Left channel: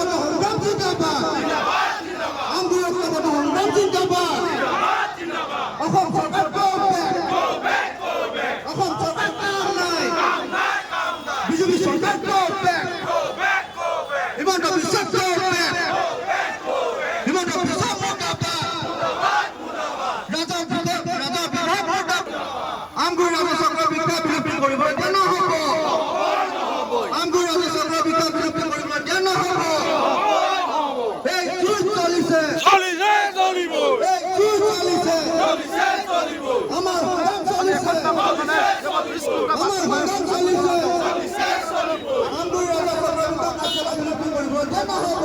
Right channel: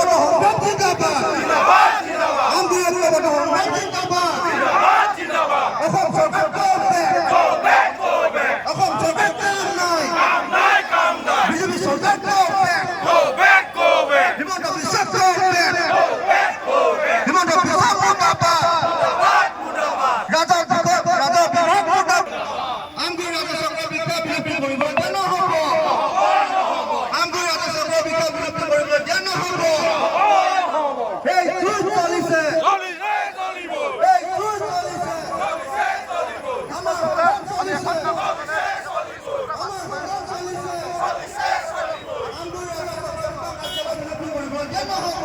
ঐক্যবদ্ধ সংগ্ৰাম জিন্দাবাদ আমগুৰি ঐক্যবদ্ধ সংগ্ৰাম জিন্দাবাদ অসম চৰকাৰ অসম চৰকাৰ কাম নাই বিজেপি চৰকাৰ হিমন্ত বিশ্ব হিমন্ত বিশ্ব আমগুৰি ৰাজচক্ৰ বিষয়া বিলুপ্তি কৰিব এতিয়া নহ'ব আমগুৰি ৰাজচক্ৰ বিষয়া বিলুপ্তি কৰিব এতিয়া নহ'ব এই যুঁজ চলিছে এই যুঁজ চলিছে আমাৰ সংগ্ৰাম চলিছে আমগুৰি ৰাজচক্ৰ বিষয়া বিলুপ্তি কৰিব এতিয়া নহ'ব